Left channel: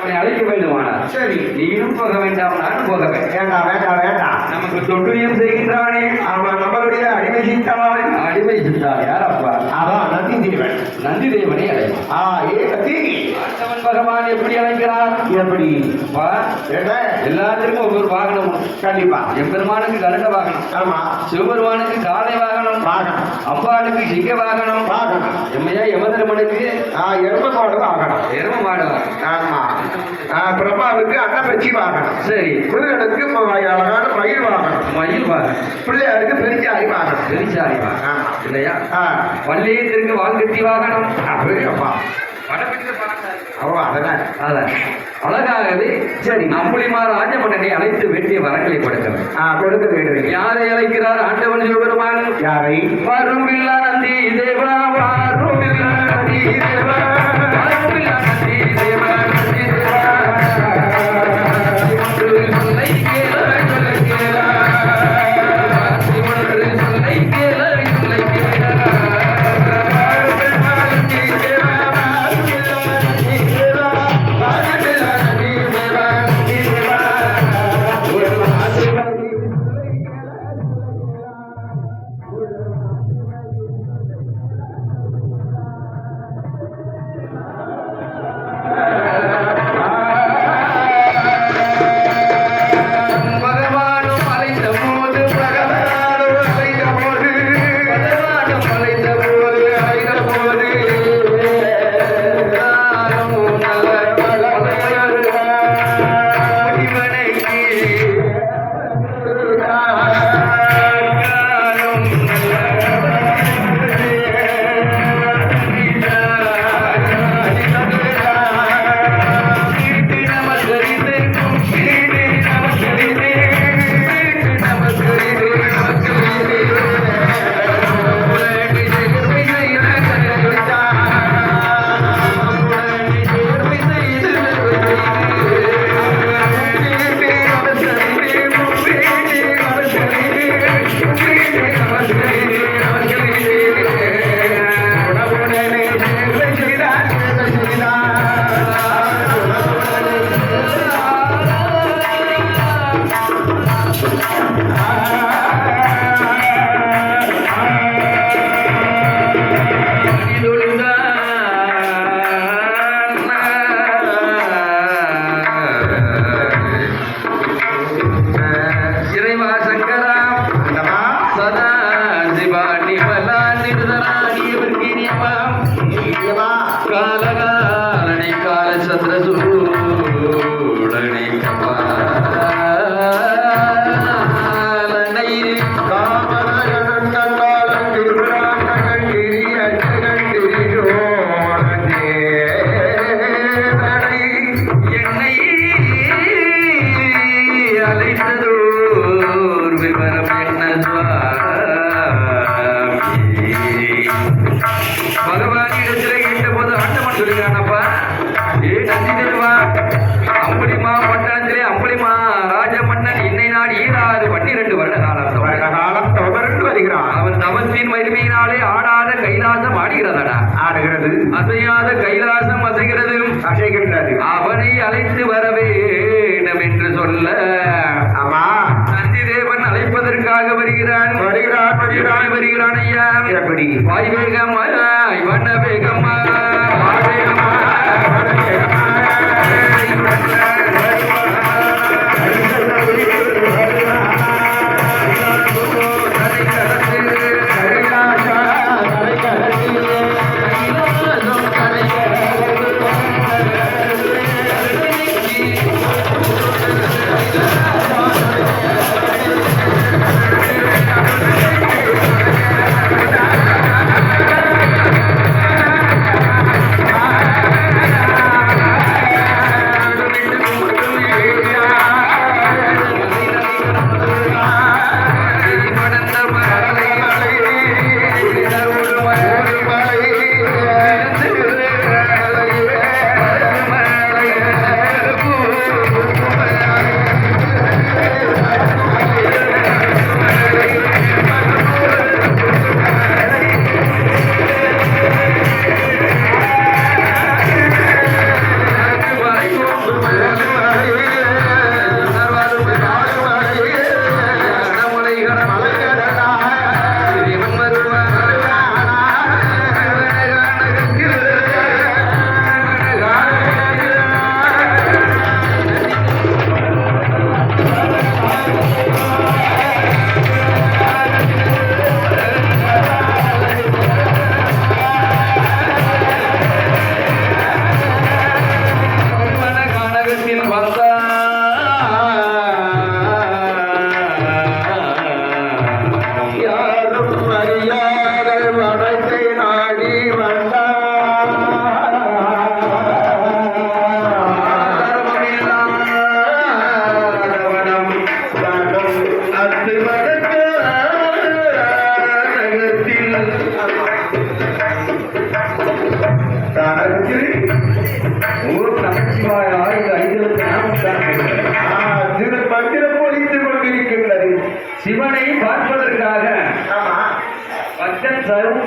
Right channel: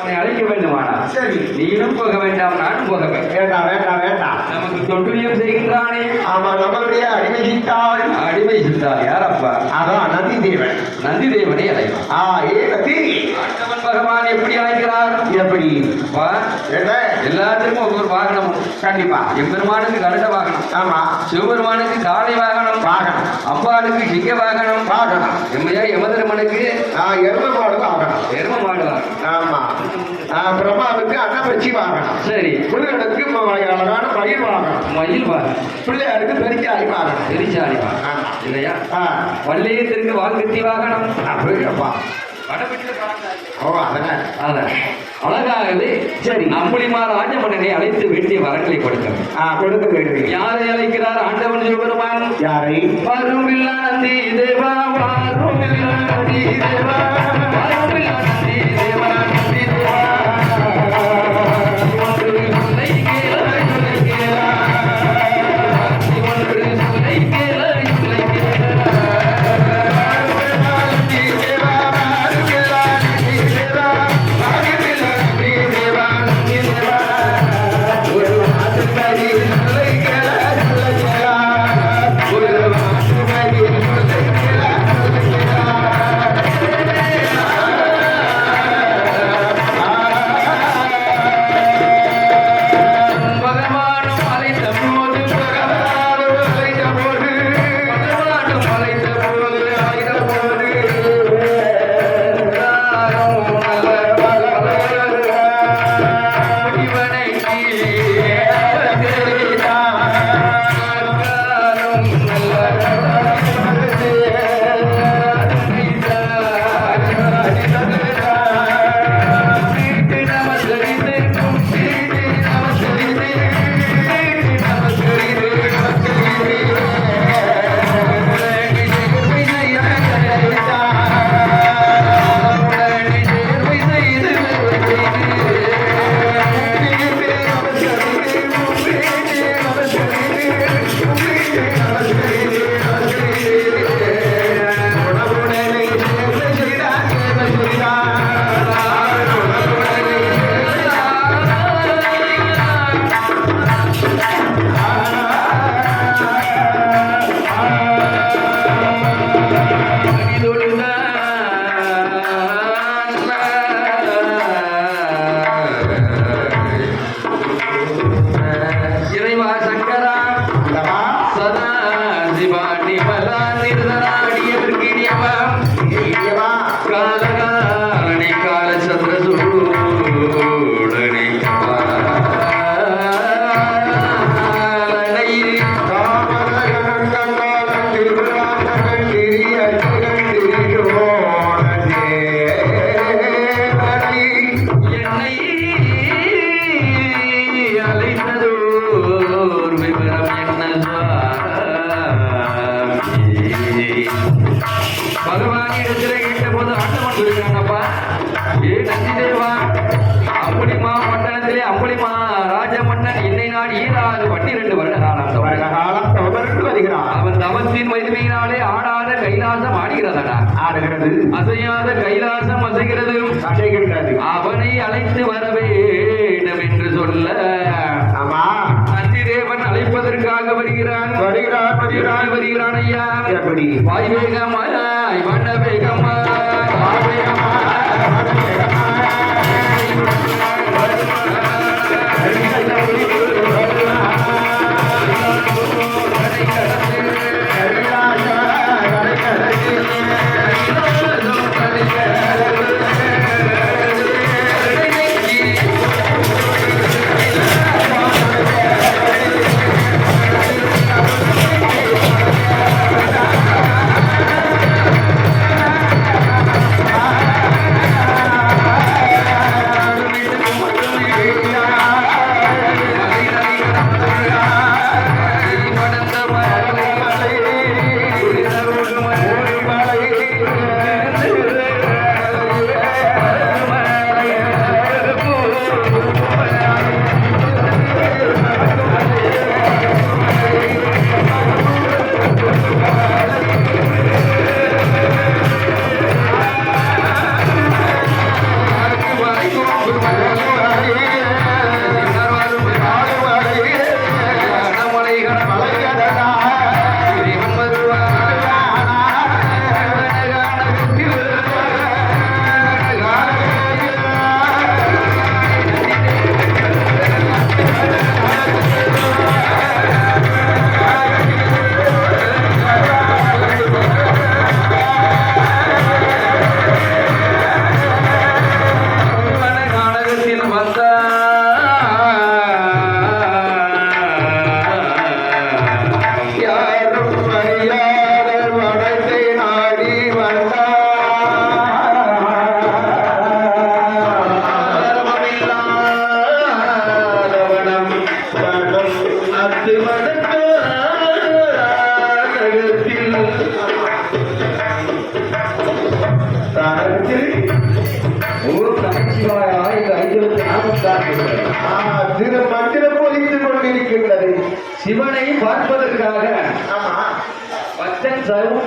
அவனை அழைக்க வேண்டுமானா சரி. நீயும் போக வேண்டாம் நானும் போக வேண்டாம். வேண்டாம் வேண்டாம் நமக்கு தொட்டுரியம் செய்கின்றானே ஆமா நம்மளுடைய அடிமை சித்தாள். அடிமை சித்தார் யாரப்பா? அதான் நந்தி தேவன் நந்தி தேவனை அழைக்கும் ஆ ஏ கத்தி ஆண்டவன் பகவான் எப்படி அழைக்கிறார்? எப்படி? அப்பா என்ன? எல்லாத்துக்கும் ஒவ்வொரு வாகனம். கண்டிப்பா. எம்பெருமானுக்கு கருட வாகனம். ஆமா. சிவபெருமானுக்கு காளை வாகனம். வாகனம். அம்பாளுக்கு சிங்க வாகனம். வாகனம். எம்மையா யமதர்மனுக்கு ஆ எருமமாடு வாகனம். எரும மாடு வாகனம். ஆமா. ஆ, பிரம்மாவுக்கு அன்னப்பச்சி வாகனம் சரி. முருகனுக்கு அழகான பயிர் வாகனம் மயில் வாகனம் பிள்ளையாருக்கு பெருக்காய் வாகனம் பெரிச்சாணி வாகனம். இல்லையா? ஆ. வள்ளியத்திற்கு வால்கட்டி வாகனம் அதான் அழகாகவே சரி அம்புலிமார் ராஜமன்னனை அழைத்து வேண்டிய வரங்களை கொடுக்கிறார் யாரை அழைக்கிறார் ஆண்டவன் சிவபெருமான்? யாரை? வருமில்லா நந்தி தேவா வருமில்லா நந்தி தேவா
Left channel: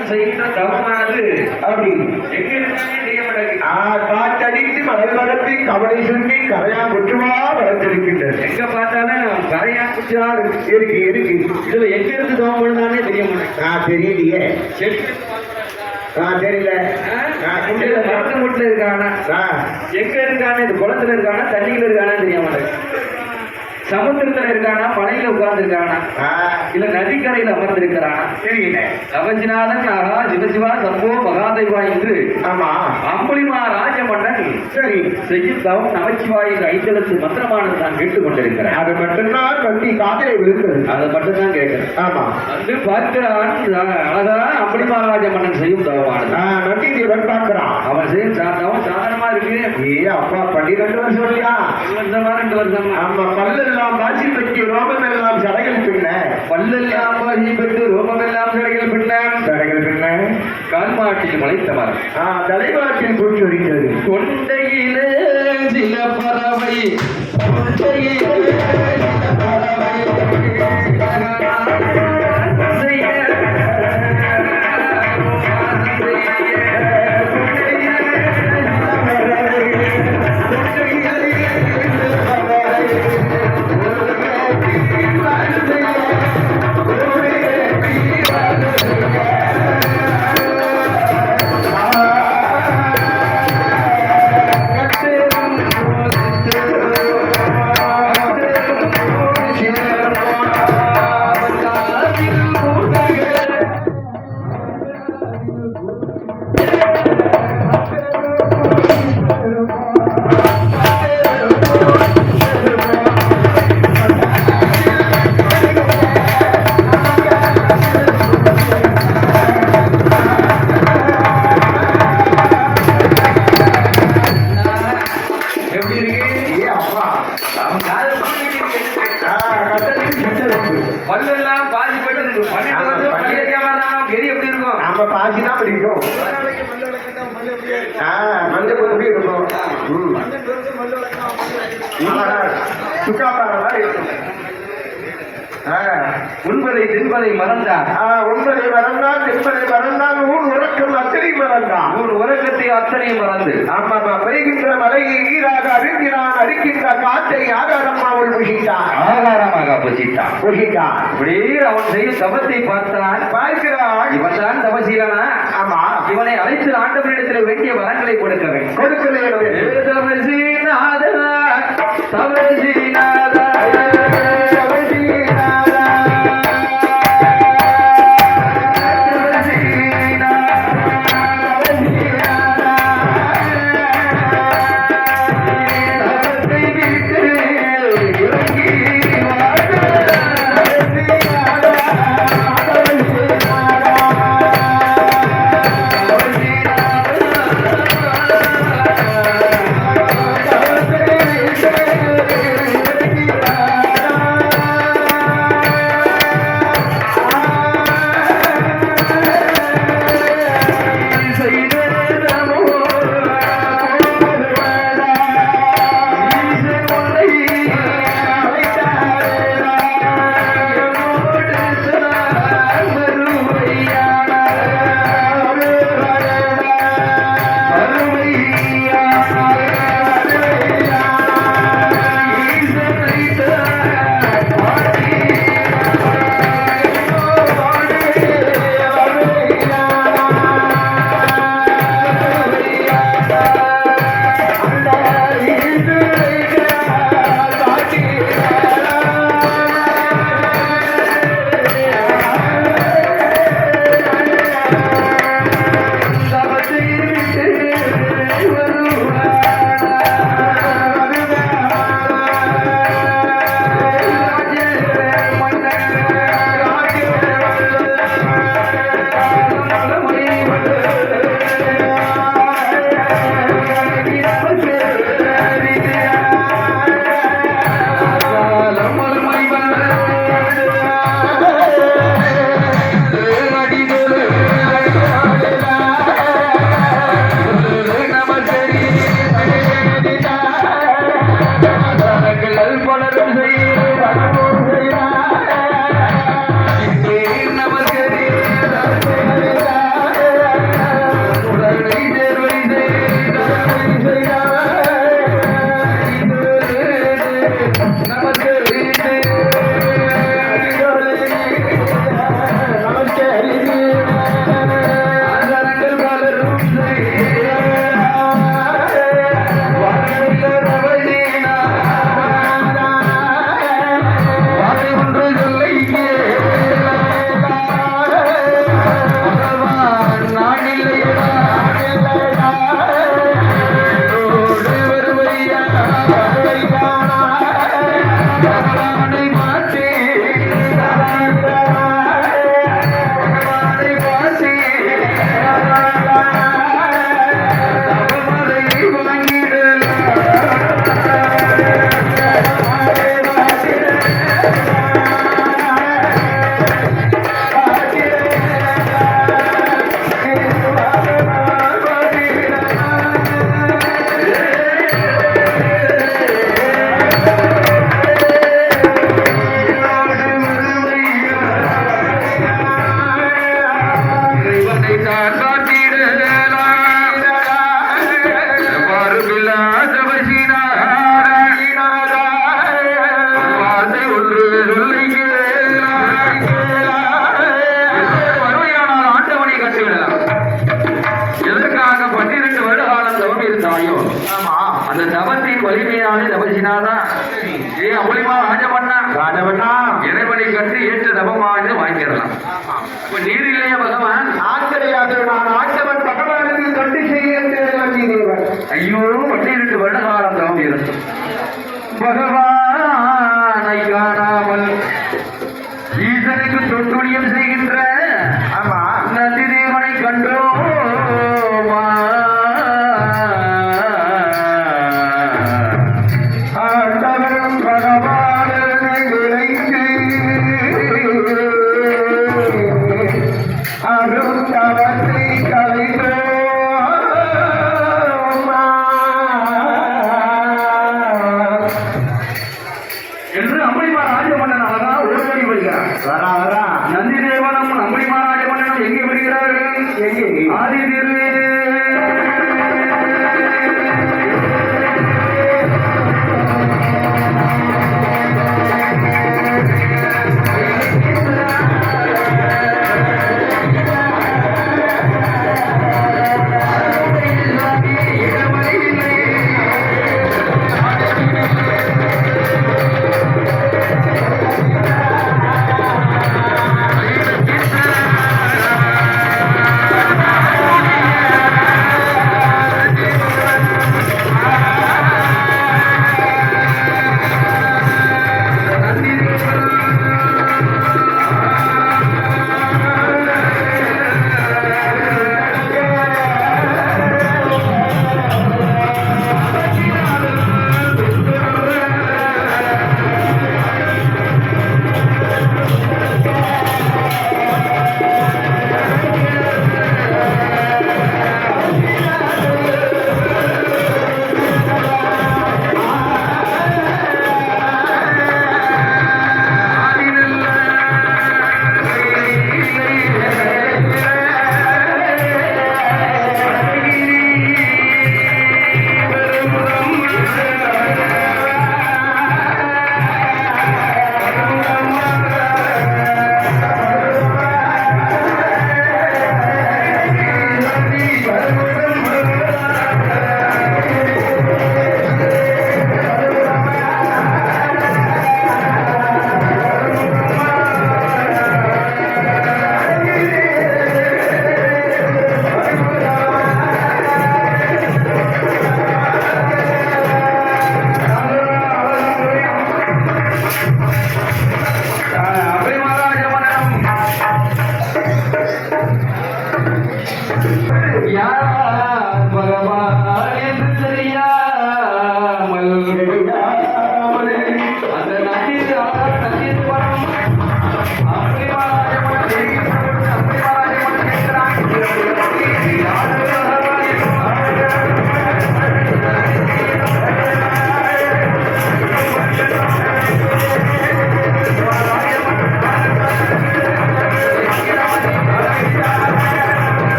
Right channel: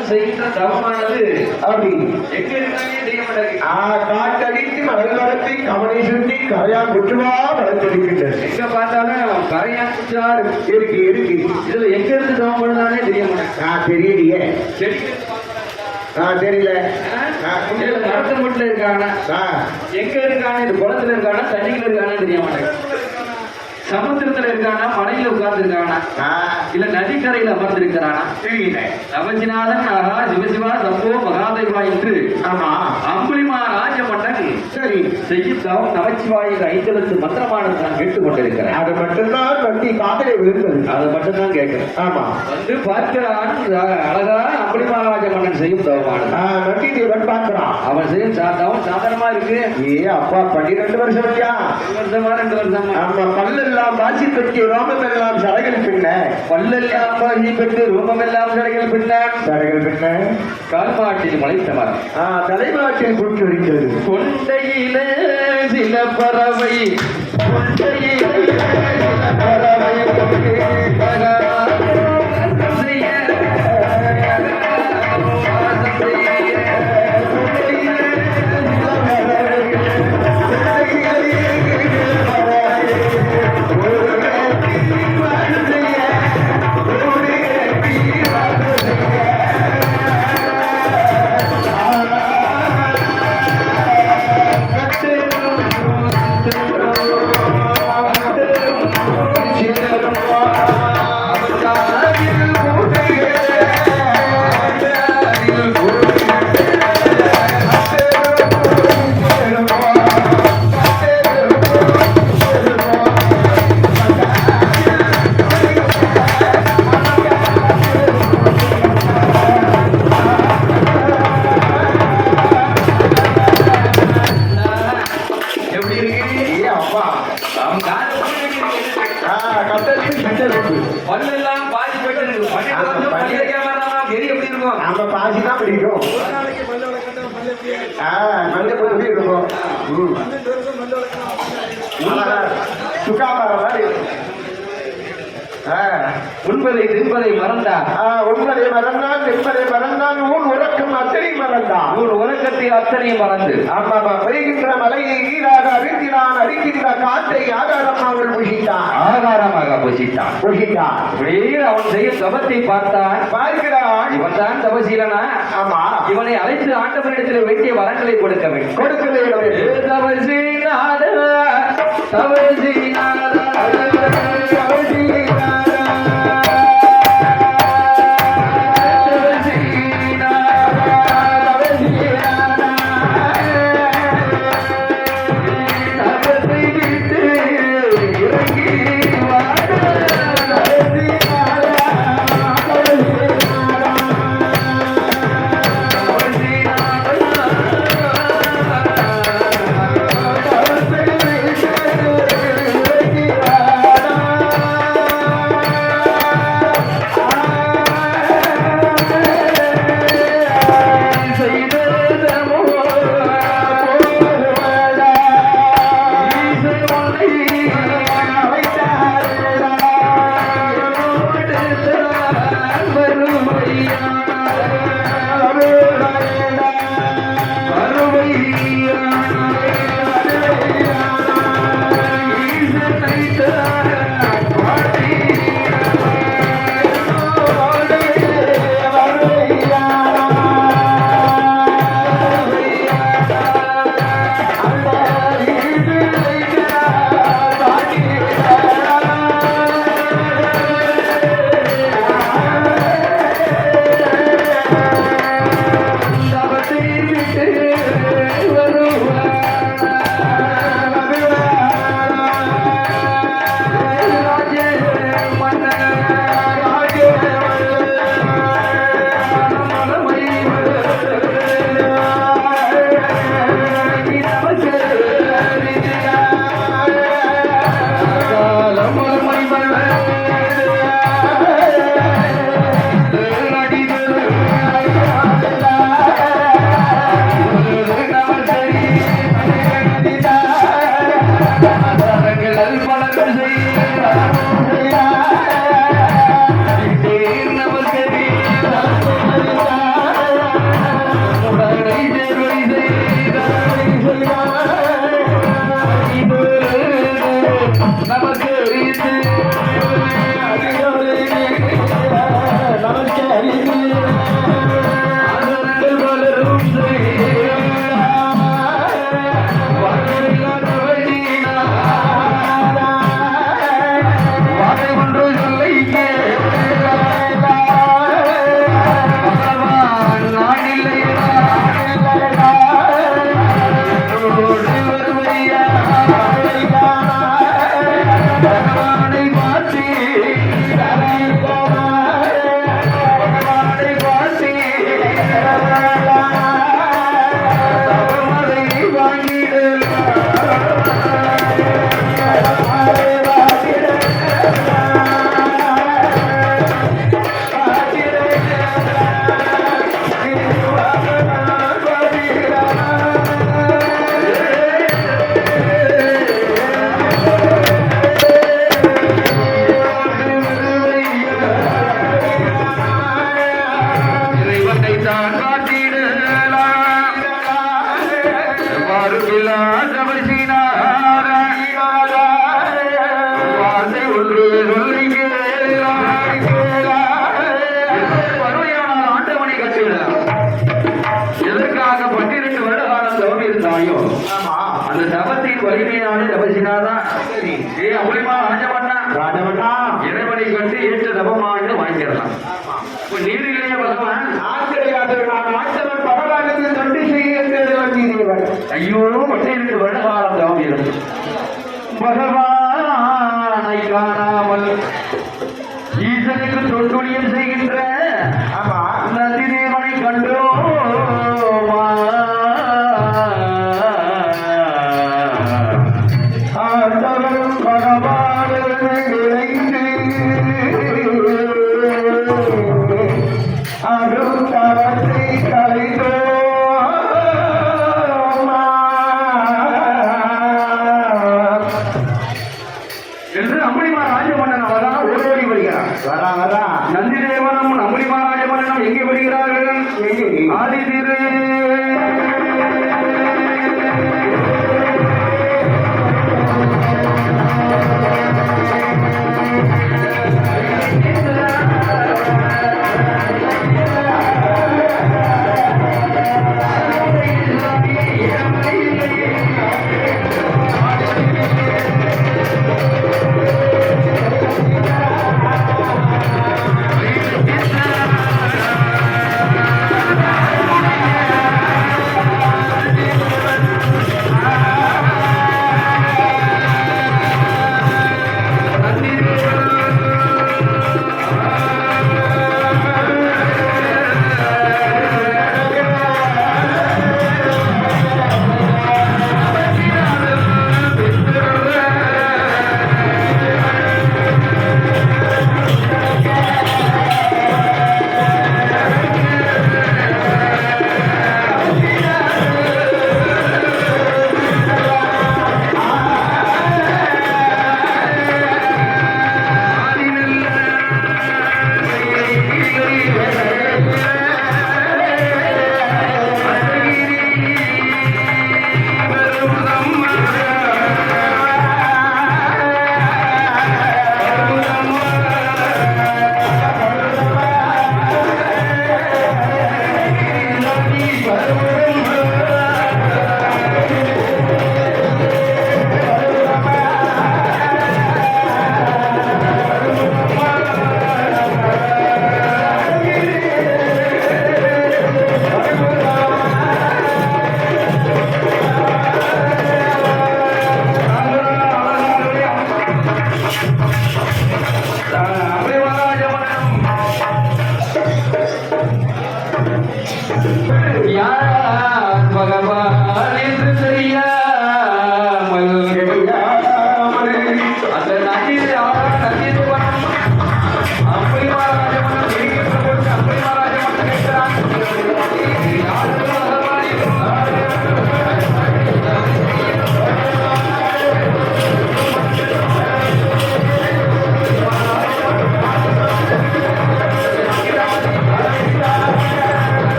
தவம் செய்கின்ற தவமானது அப்படி. எங்க இருந்தாலே தெரிய மாட்டேங்குது ஆ, காற்றடித்து மணல் வளர்த்து கவலை சுருட்டி கரையா குற்றுவா வளர்த்திருக்கின்றது எங்க பார்த்தாலும் கரையா குச்சாரு இருக்கு இருக்கு. இதுல எங்க இருந்து தவம் பண்ணாலே தெரிய மாட்டேங்குது. ஆ தெரியலையே. செடி ஆ தெரியல. மரத்து வீட்டுல இருக்கானா? எங்க இருக்கானே? இது குளத்துல இருக்கானா? தண்ணியில இருக்கானா தெரிய மாட்டேங்குது. சமுத்திரத்துல இருக்கானா? மலையில உட்கார்ந்து இருக்கானா இல்ல நதிக்கரையில் அமர்ந்து இருக்கிறானா தெரியல. அவஜிநாதன் ஆகா சிவசிவா சம்போ மகாதேவா என்று. ஆமா. அம்புலிமா ராஜமன்னன் சரி. செய்யும் தவம் நமச்சிவாயின் ஐந்தெழுத்து மந்திரமானது நான் கேட்டுக் கொண்டிருக்கிறேன் அது மட்டும்தான் வண்டி காதலை விழுந்தது அதை மட்டும் தான் கேட்கிறேன் ஆமா. வந்து பார்க்கிறான் அழகா அம்புலிமா ராஜமன்னன் செய்யும் தவமானது ஆ வண்டி தேவன் பார்க்கிறான். அவன் செய்யும் சா- தவம் சாதாரணமா இருக்கு. ஏ அப்பா பன்னிரெண்டு வருஷம் இல்லையா? வருஷமா ரெண்டு வருஷமா. ஆமா பல்லெல்லாம் பாசி பற்றி ரோமம் எல்லாம் சடைகள் பின்ன. பல்லெல்லாம் பாசி பெற்று ரூபமெல்லாம் கடைகள் பின்னான் சடைகள் பின்ன. கால்மாட்டில் மலைத்தவர் தலைமாட்டில் போட்டு வருகிறது கொண்டையிலே சில பறவை. அப்படியே அவன் செய்ய தவத்தை பார்த்தான். பார்க்கிறான். இவன் தான் தவசீலனா? ஆமா. இவனை அழைத்து ஆண்டவனிடத்தில் வேண்டிய வரங்களை கொடுக்க வேண்டும். கொடுக்க வேண்டும். ஏ பகவான் என்று தெரியா?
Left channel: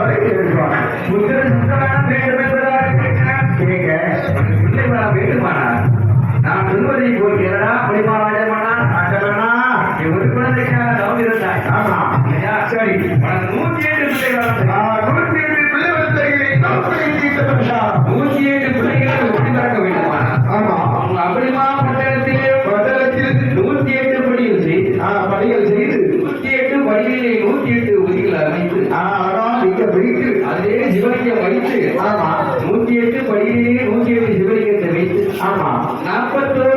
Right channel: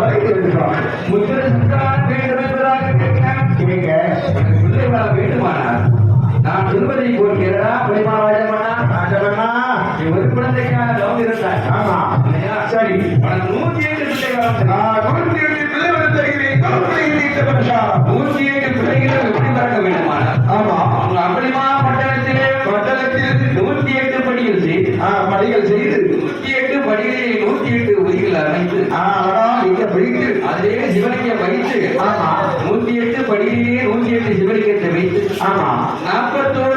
வரைக்கும் இருக்கிறோம் புத்திர சந்தானம் வேண்டும் என்பதாக கேட்கிறேன் நீங்க உனக்கு பிள்ளை வர வேண்டுமானார் நான் சொல்வதை போல் கேளடா புலிமாராஜமானா ஆண்டவனா நீ ஒரு குழந்தைக்காக தவம் இருந்தாய் ஆமா? சரி உனக்கு நூத்தி எட்டு பிள்ளைகள் எட்டு தருகிறேன் நூத்தி எட்டு பிள்ளைகளை எப்படி பிறக்க வேண்டுமானா ஆமா அவங்க அப்படிமா மண்டலத்தில் நூத்தி எட்டு படிகள் செய்து ஆ, பணிகள் செய்து நூத்தி எட்டு படிகளிலே நூத்தி எட்டு உதிகள் அமைத்து ஆ, வரா நீங்க பிடித்து அதிலே சிவலிங்கம் வைத்து ஆமா. நூத்தி எட்டு படிகளிலே நூத்தி எட்டு சிவலிங்கத்தை வைத்து ஆமா. நாற்பத்தோரு